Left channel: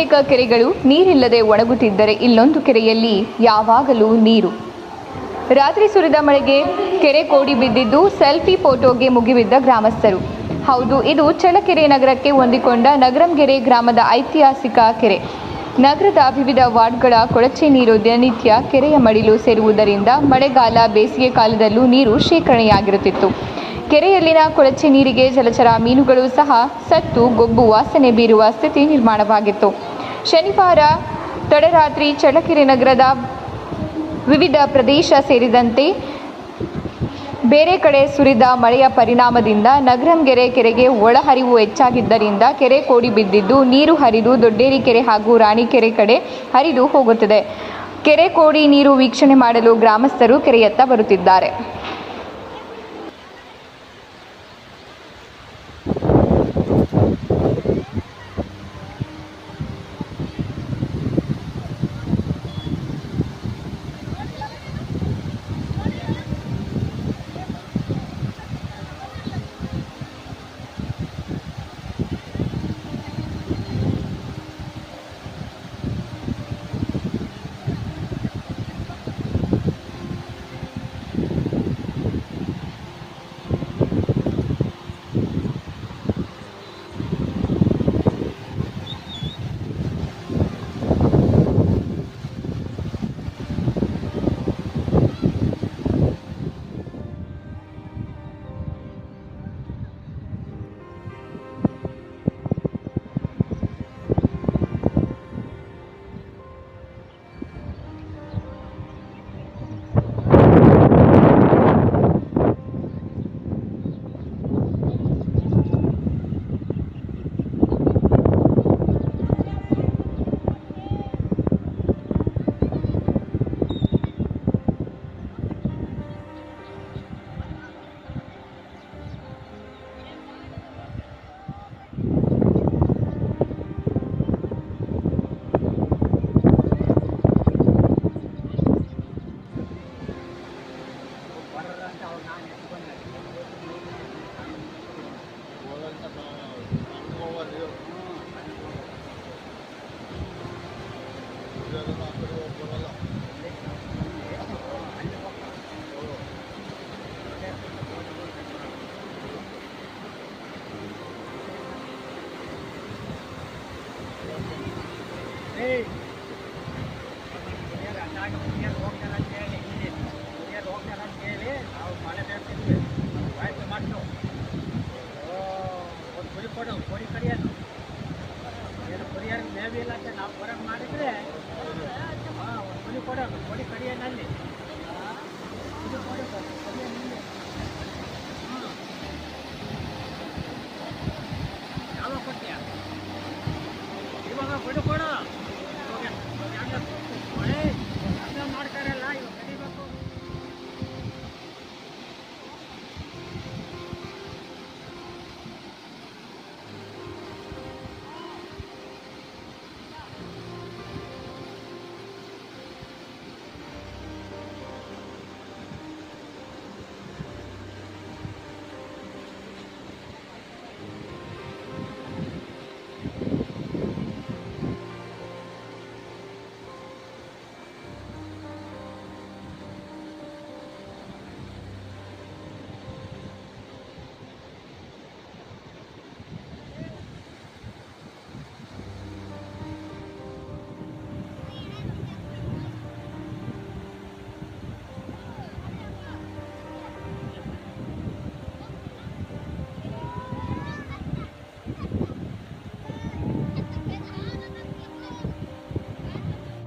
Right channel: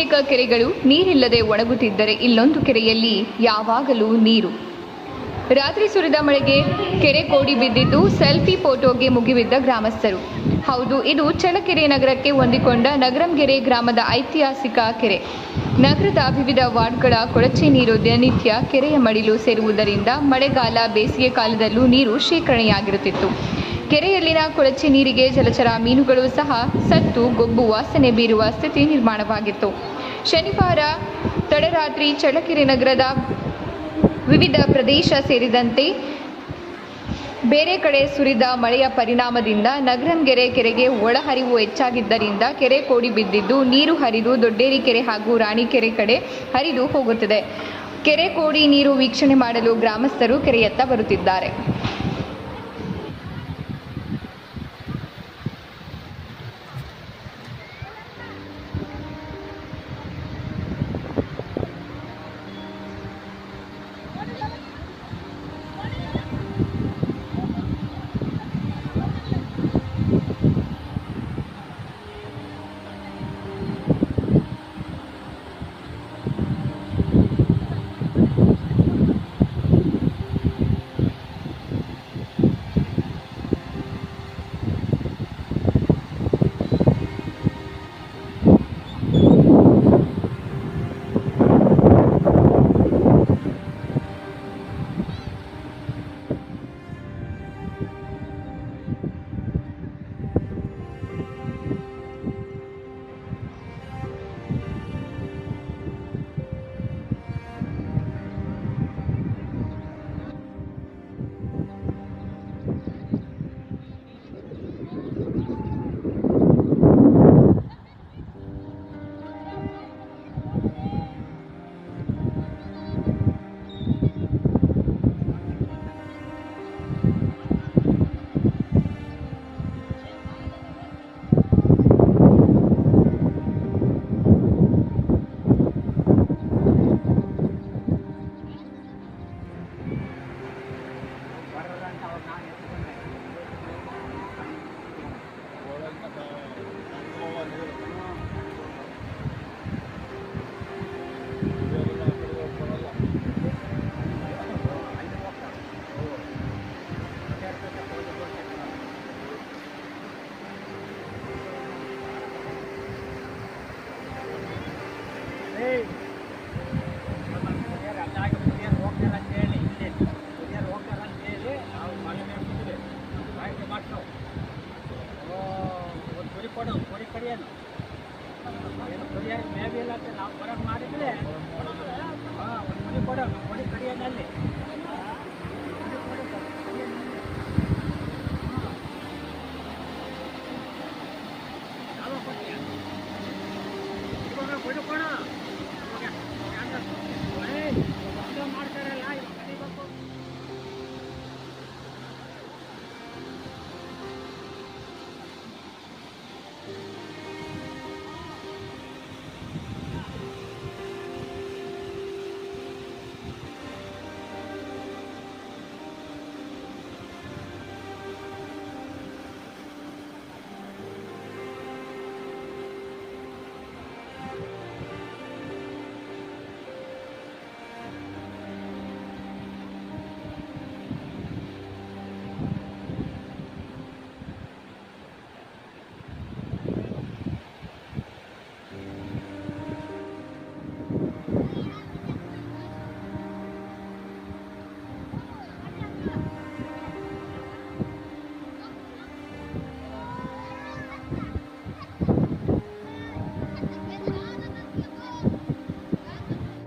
ಬಹುತೇಕ ಕೆರೆಗಳು ನೀರಿಲ್ಲದೆ ಒಣಗುತ್ತಿದ್ದರೆ ಇಲ್ಲೊಂದು ಕೆರೆಯಲ್ಲಿ ಯಾವಾಗಲೂ ನೀರು. ರಾತ್ರಿ ಸುರಿದ ಮಳೆಗೆ ಕೆರೆ ಕೋಡಿ ಬಿದ್ದಿದ್ದು ಸೆಲ್ಫಿ ಫೋಟೋಗೆ ಮುಗಿಬಿದ್ದ ಗ್ರಾಮಸ್ಥರು. ಹೌದು, ಇದು ಚಳ್ಳಕೆರೆ ನಗರಕ್ಕೆ ಹೊಂದಿಕೊಂಡ ನಗರಂಗೆರೆ ಗ್ರಾಮದ ಐತಿಹಾಸಿಕ ಕೆರೆ. ನಗರದ ವಿವಿಧ ವಾರ್ಡ್ಗಳ ಕೊಳಚೆ ನೀರು ದಿನನಿತ್ಯ ಕೆರೆಯ ಮಡಿಲು ಸೇರುವುದರಿಂದ ಮಳೆಗಾಲ ಬೇಸಿಗೆ ಕಾಲದಲ್ಲೂ ನೀರು ಶೇಖರಣೆಯಾಗಿರುತ್ತಿತ್ತು. ಕೆರೆಯಲ್ಲಿನ ಕೊಳಚೆ ನೀರಿಗೆ ಜಲಚರ ಮೀನುಗಳು ಸಹ ಸತ್ತು ಗೊಬ್ಬು ವಾಸನೆ ಬೀರುವ ಸ್ಥಿತಿ ನಿರ್ಮಾಣವಾಗಿತ್ತು. ಶನಿವಾರ ತಡರಾತ್ರಿ ಚಳ್ಳಕೆರೆ ನಗರದ ವಿವಿಧ ಪ್ರದೇಶ ಸೇರಿದಂತೆ ಬೇರೆ ಕಡೆ ಸುರಿದ ಮಳೆಯ ಪರಿಣಾಮದಿಂದ ನಗರಂಗೆರೆ ಕೆರೆಗೆ ಒಳಹರಿವು ಹೆಚ್ಚಾಗಿದ್ದರಿಂದ ಕೆರೆ ಕೋಡಿ ಬಿದ್ದಿದ್ದು ನೀರು ಹರಿದು ದೊಡ್ಡೇರಿ ಕೆರೆ ಹಾಗೂ ರಾಣಿಕೆರೆ ಕಡೆ ಹರಿದು ಹೋಗುತ್ತಿದೆ. ಕೆರೆ ಕೋಡಿ ನೀರು ವೀಕ್ಷಣೆ ಮಾಡಲು ಗ್ರಾಮಸ್ಥರು ಕೆರೆಯತ್ತ ಬರುತ್ತಿದ್ದಾರೆ. Hey!